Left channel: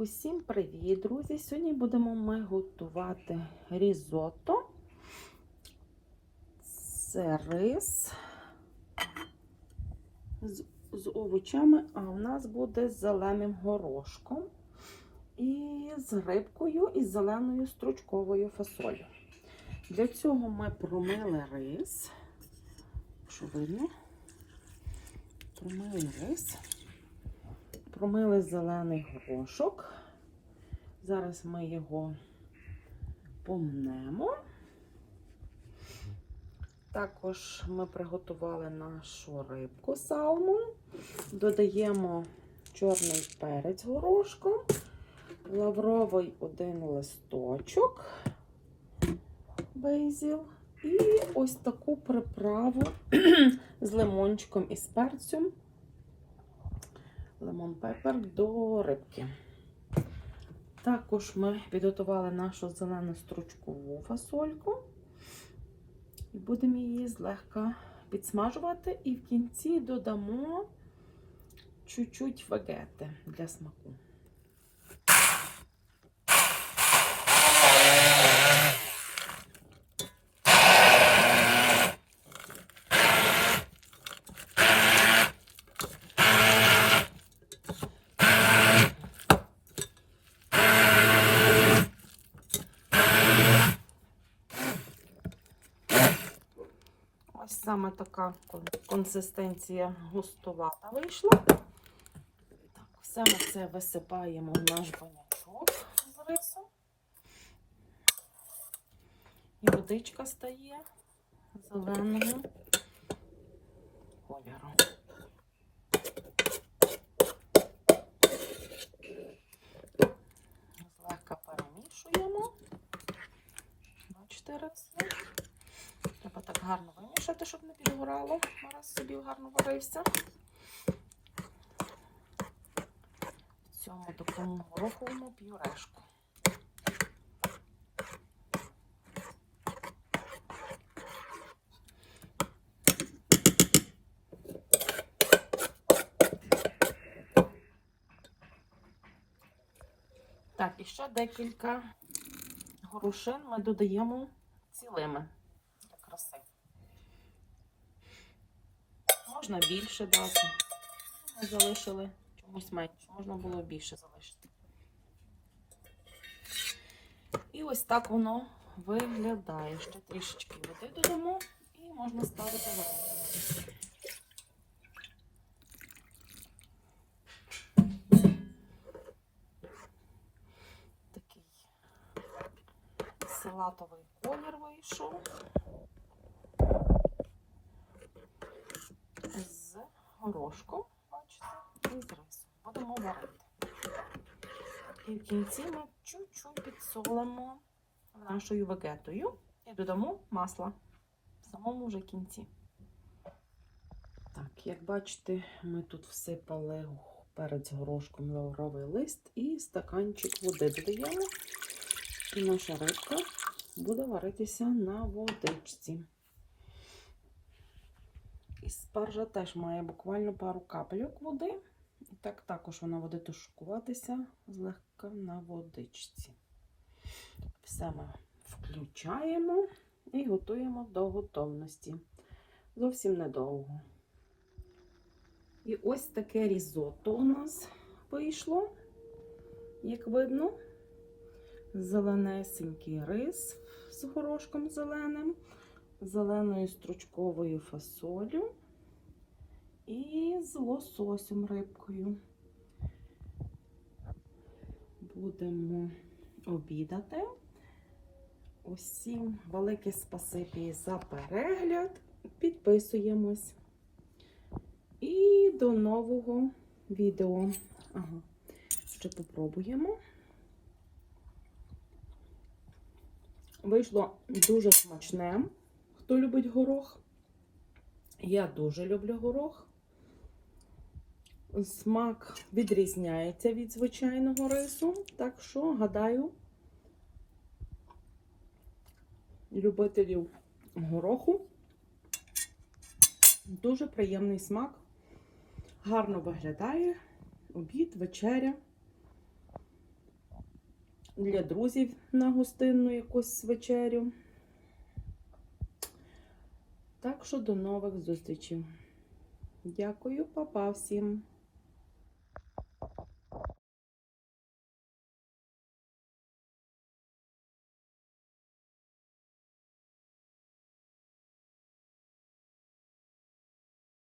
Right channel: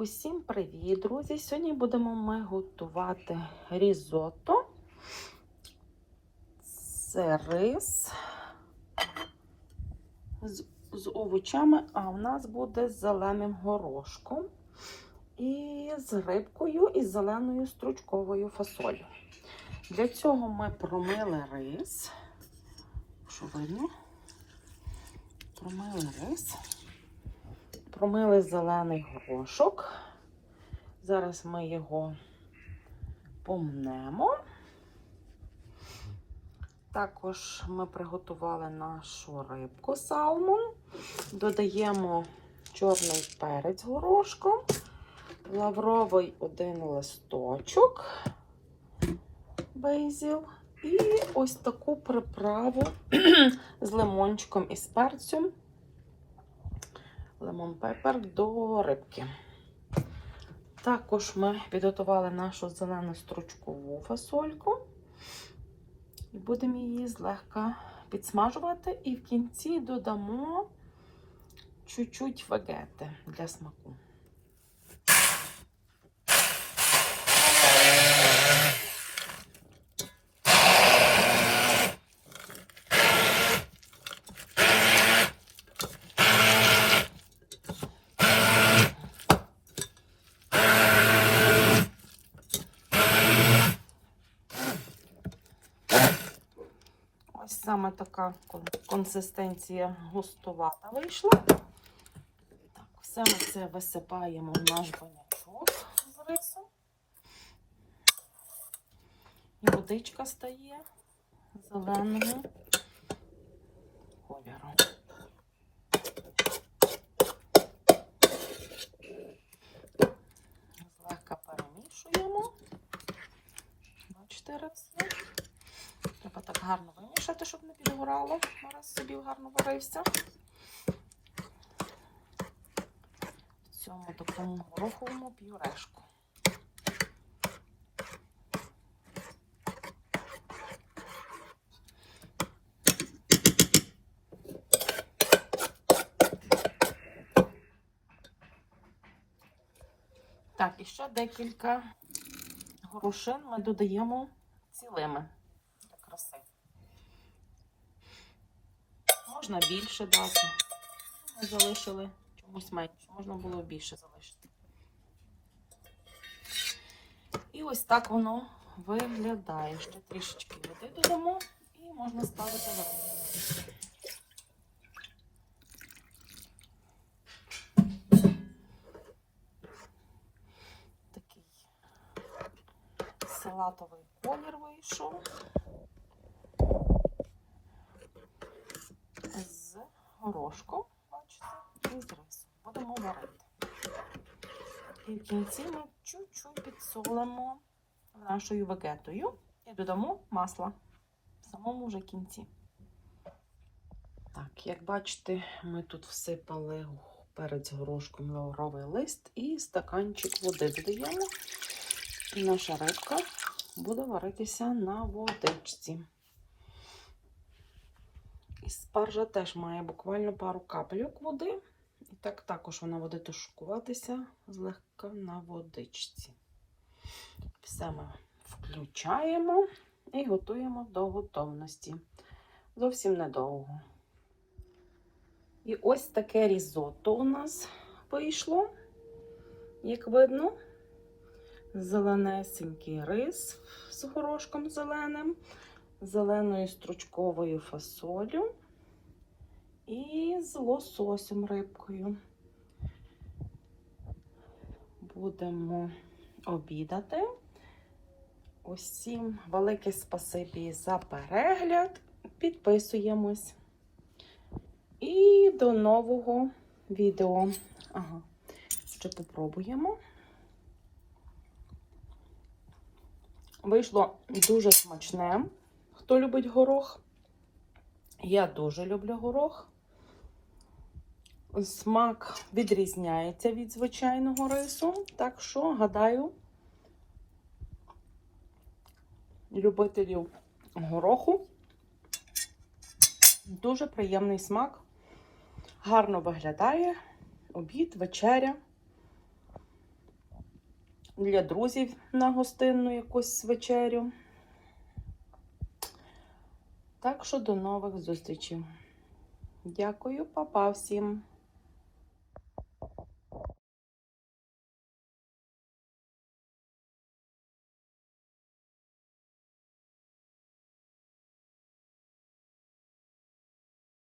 Усім привіт, друзі! Сьогодні будемо ми готувати різотто. Це рис з, з овочами, а в нас буде з зеленим горошком і з рибкою і з зеленою стручковою фасолью. Для цього ми промили рис. Що видно? Промили рис. Промили зелений горошок. Зараз ми його помнемо. Також ми приготували нашу рибку салмон. Додаємо чорний перець горошком, лавровий один листочок, бейзіл. І ось таку приправу з лимончиком і з перцем лимон пепер до рибки. Також ми підготували нашу зелену стручкову фасольку і будемо її злегка підсмажувати, і в кінці додамо чуть-чуть вегети для смаку. Ось саме така консистенція густувата вийшла. Так, все ми це висипаємо в наш бурячок з рису. І водичка стає зеленого. Треба так гарно вимішати, щоб не підгорало. Зараз собі гарно варився. В цьому такому гороховому пюрешку. Так, і ще декілька горошин ми додаємо цілими для краси. Можна більше дати. Ми залишили чомусь менше, можна було більше залишити. І ось так воно виглядає. Ще трішечки води додамо і можна ставити варити. Такий салатовий колір вийшов. З горошком, бачите, і з рисом. Будемо варити. І в кінці ми чуть-чуть підсолимо нашою вегетою і додамо масла в самому вже кінці. Так, як бачите, ми тут всипали перець горошком лавровий лист і стаканчик води додаємо. І наша рибка буде варитися на водичці. І спаржа теж має буквально пару капельок води. І так також вона буде тушкуватися злегка на водичці. Все ми включаємо і готуємо до готовності. Зовсім недовго. І ось таке різотто у нас вийшло, як видно, зеленесенький рис з горошком зеленим зеленою стручковою фасолю і з лососем рибкою. Будемо обідати. Усім велике спасибі за перегляд. Підписуємось. І до нового відео. Ага, ще попробуємо. Вийшло дуже смачне. Хто любить горох? Я дуже люблю горох. Смак відрізняється від звичайного рису. Так що, гадаю, любителів гороху дуже приємний смак. Гарно виглядає обід, вечеря. для друзів на гостинну якусь вечерю. Так що до нових зустрічей. Дякую, папа всім.